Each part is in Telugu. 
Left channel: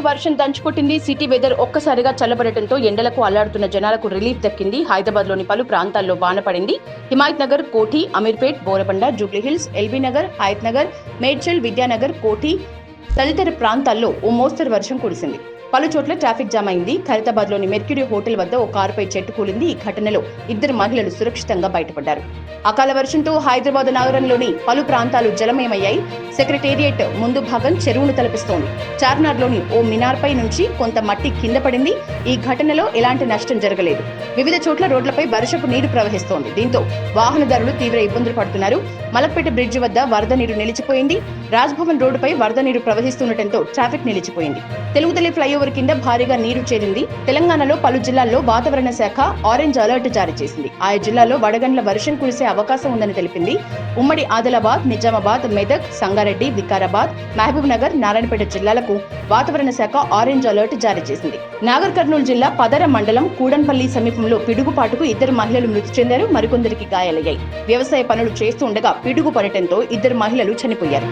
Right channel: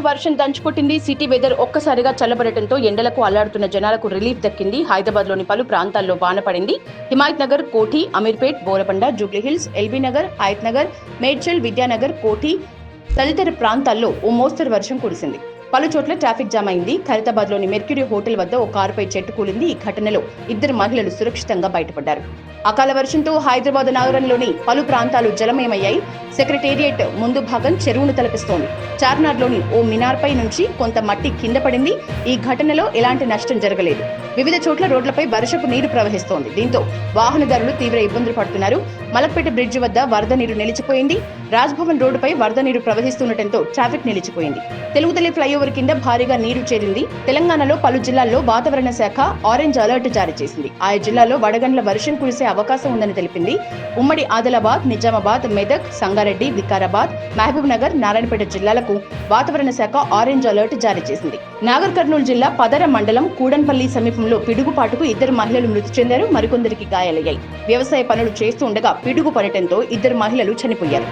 సిటీలో వర్షం దంచుకొట్టింది. సిటీ వెదర్ ఒక్కసారిగా చల్లబడటంతో ఎండలకు అల్లాడుతున్న జనాలకు రిలీఫ్ దక్కింది. హైదరాబాద్లోని పలు ప్రాంతాల్లో వాన పడింది. హిమాయత్ నగర్, కోఠి, అమీర్పేట్, బోరబండ, జూబ్లీహిల్స్, ఎల్బీ నగర్, హయత్ నగర్, మేడ్చల్, విద్యానగర్, కోఠి తదితర ప్రాంతాల్లో ఓ మోస్తరు వర్షం కురిసింది. పలు చోట్ల ట్రాఫిక్ జామ్ అయింది. ఖైరతాబాద్లోని మెర్క్యూరీ హోటల్ వద్ద ఓ కారుపై చెట్టు కూలింది. ఈ ఘటనలో 2 మహిళలు సురక్షితంగా బయటపడ్డారు. అకాల వర్షంతో హైదరాబాద్ నగరంలోని పలు ప్రాంతాలు జలమయమయ్యాయి. సెక్రటేరియట్ ముందు భాగం చెరువును తలపిస్తోంది. చార్మినార్లోని ఓ మినార్పై నుంచి కొంత మట్టి కింద పడింది. ఈ ఘటనలో ఎలాంటి నష్టం జరగలేదు. వివిధ చోట్ల రోడ్లపై వర్షపు నీరు ప్రవహిస్తోంది. దీంతో వాహనదారులు తీవ్ర ఇబ్బందులు పడుతున్నారు. మలక్పేట బ్రిడ్జి వద్ద వరద నీరు నిలిచిపోయింది. రాజ్భవన్ రోడ్డుపై వరద నీరు ప్రవహిస్తుండటంతో ట్రాఫిక్ నిలిచిపోయింది. తెలుగుతల్లి ఫ్లైఓవర్ కింద భారీగా నీరు చేరింది. తెలంగాణలో పలు జిల్లాల్లో వాతావరణ శాఖ ఆరెంజ్ అలర్ట్ జారీ చేసింది. ఆయా జిల్లాల్లో వడగండ్ల వర్షం కురిసే అవకాశం ఉందని తెలిపింది. ఉమ్మడి ఆదిలాబాద్, నిజామాబాద్, మెదక్, సంగారెడ్డి, వికారాబాద్, మహబూబ్ నగర్, నారాయణపేట జిల్లాలకు వాతావరణ శాఖ ఆరెంజ్ అలర్ట్ జారీ చేసింది. నాగర్ కర్నూలు జిల్లా పదర మండలం కూడన్పల్లి సమీపంలో పిడుగుపాటుకు 2 మహిళలు మృతి చెందారు. మరికొందరికి గాయాలయ్యాయి. వ్యవసాయ పనులు చేస్తూ ఉండగా పిడుగు పడటంతో 2 మహిళలు చనిపోయారు.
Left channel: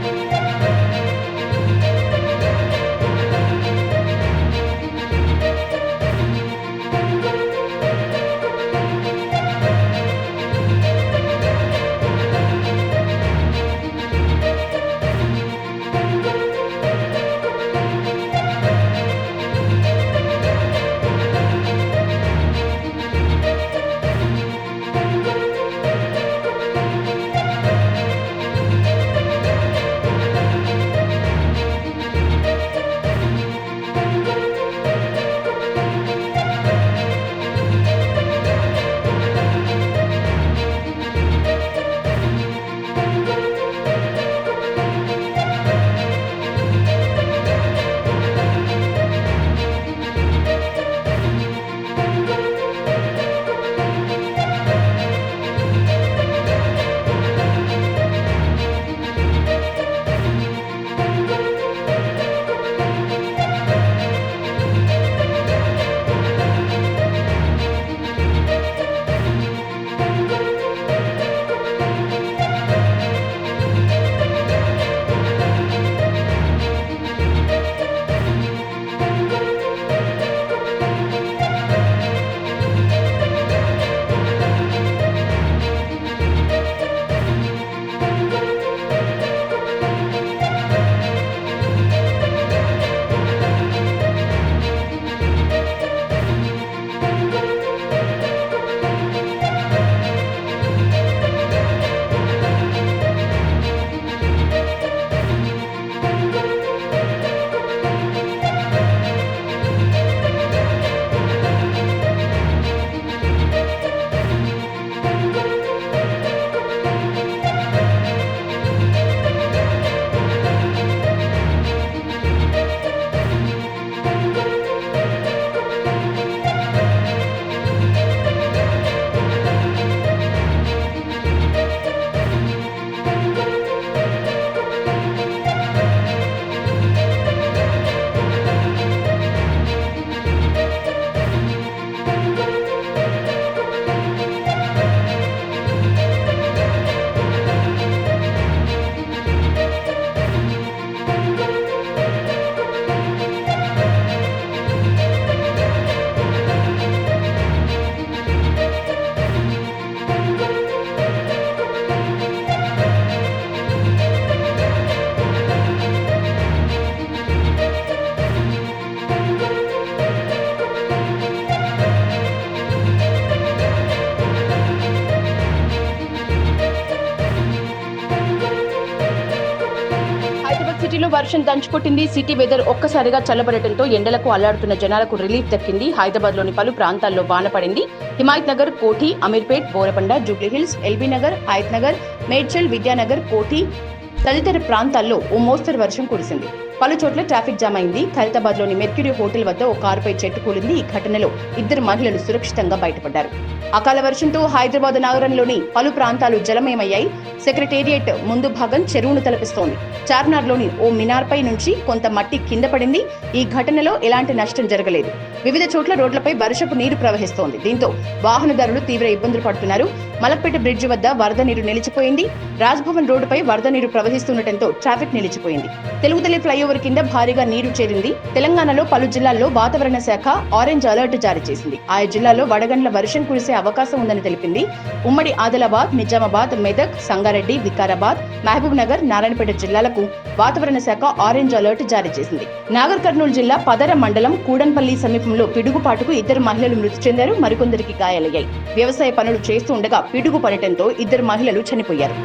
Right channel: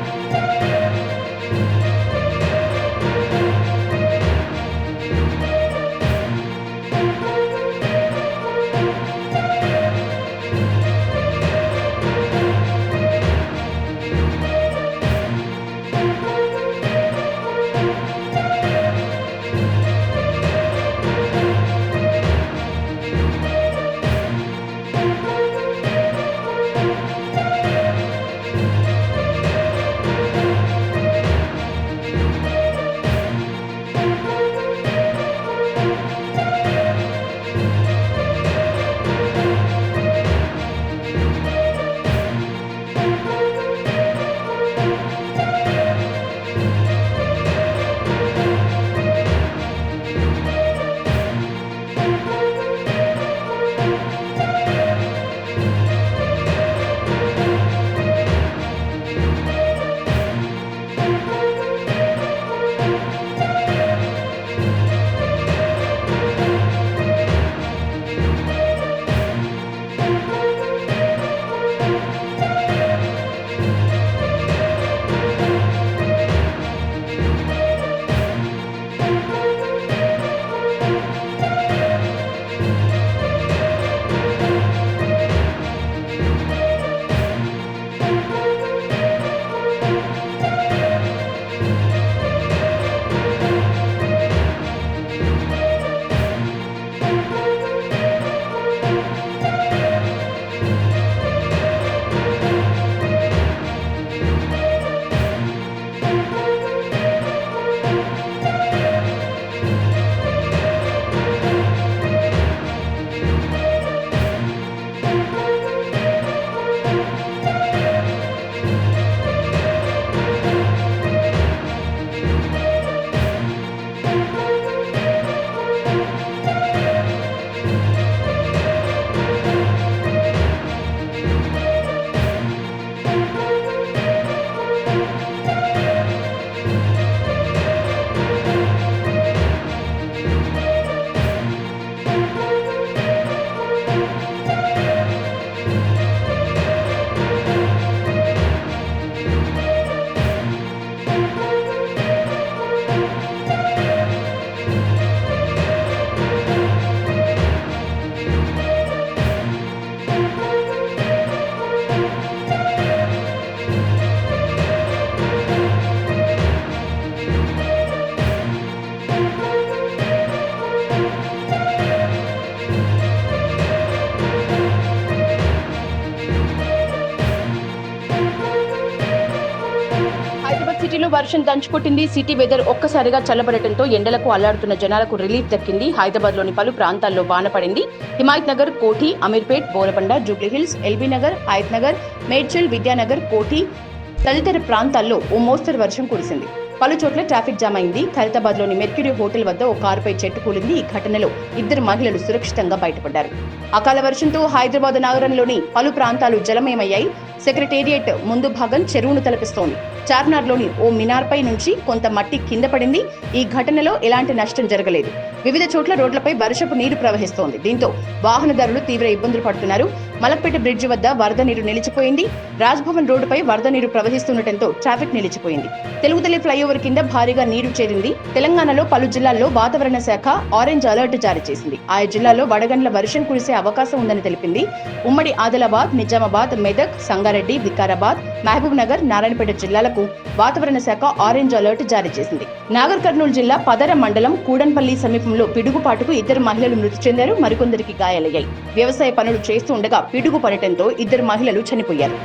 హైదరాబాద్ సిటీలో వర్షం దంచుకొట్టింది. సిటీ వెదర్ ఒక్కసారిగా చల్లబడటంతో ఎండలకు అల్లాడుతున్న జనాలకు రిలీఫ్ దక్కింది. హైదరాబాద్లోని పలు ప్రాంతాల్లో వాన పడింది. హిమాయత్ నగర్, కోఠి, అమీర్పేట్, బోరబండ, జూబ్లీహిల్స్, ఎల్బీ నగర్, హయత్ నగర్, మేడ్చల్, విద్యానగర్, కోఠి తదితర ప్రాంతాల్లో ఓ మోస్తరు వర్షం కురిసింది. పలు చోట్ల ట్రాఫిక్ జామ్ అయింది. ఖైరతాబాద్లోని మెర్క్యూరీ హోటల్ వద్ద ఓ కారుపై చెట్టు కూలింది. ఈ ఘటనలో 2 మహిళలు సురక్షితంగా బయటపడ్డారు. అకాల వర్షంతో హైదరాబాద్ నగరంలోని పలు ప్రాంతాలు జలమయమయ్యాయి. సెక్రటేరియట్ ముందు భాగం చెరువును తలపిస్తోంది. చార్మినార్లోని ఓ మినార్పై నుంచి కొంత మట్టి కింద పడింది. ఈ ఘటనలో ఎలాంటి నష్టం జరగలేదు. వివిధ చోట్ల రోడ్లపై వర్షపు నీరు ప్రవహిస్తోంది. దీంతో వాహనదారులు తీవ్ర ఇబ్బందులు పడుతున్నారు. మలక్పేట బ్రిడ్జి వద్ద వరద నీరు నిలిచిపోయింది. రాజ్భవన్ రోడ్డుపై వరద నీరు ప్రవహిస్తుండటంతో ట్రాఫిక్ నిలిచిపోయింది. తెలుగుతల్లి ఫ్లైఓవర్ ఫ్లైఓవర్ కింద భారీగా నీరు చేరింది. తెలంగాణలో పలు జిల్లాల్లో వాతావరణ శాఖ ఆరెంజ్ అలర్ట్ జారీ చేసింది. ఆయా జిల్లాల్లో వడగండ్ల వర్షం కురిసే అవకాశం ఉందని తెలిపింది. ఉమ్మడి ఆదిలాబాద్, నిజామాబాద్, మెదక్, సంగారెడ్డి, వికారాబాద్, మహబూబ్ నగర్, నారాయణపేట జిల్లాలకు వాతావరణ శాఖ ఆరెంజ్ అలర్ట్ జారీ చేసింది. నాగర్ కర్నూలు జిల్లా పదర మండలం కూడన్పల్లి సమీపంలో పిడుగుపాటుకు 2 మహిళలు మృతి చెందారు. మరికొందరికి గాయాలయ్యాయి. వ్యవసాయ పనులు చేస్తూ ఉండగా పిడుగు పడటంతో 2 మహిళలు చనిపోయారు.